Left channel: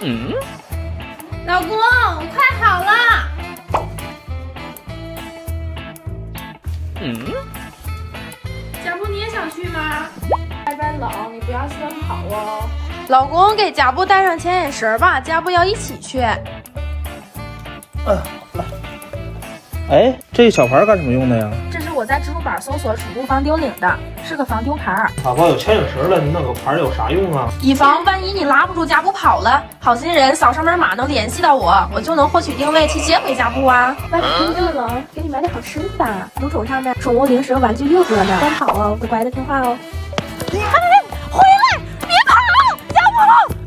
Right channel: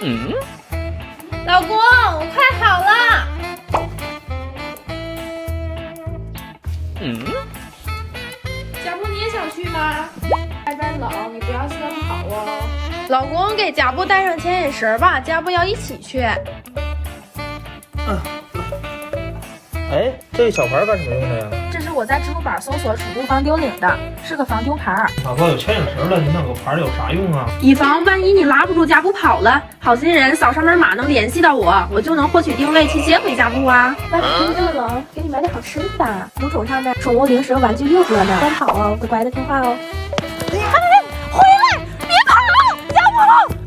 老公，我快好了。小布，你也想去吗？外边冷，你不要先跑哦。老公，给家布带上牵引绳吧，家布要一起去。哎，这小牌干什么用的呀？这是我在支付宝搜索储物防丢领的，是个防丢牌，老婆有牵引绳了，你那个牌有啥用啊？以防万一你拉不住家布跑了，好心人扫上门码能联系到我，我就能获取定位去接回家布啊。外面天这么冷，给你买点好吃的吧。邮筒上面宠物零食玩具6折呢，快跑哦，乖乖的听话哦。回来，别跑，家布。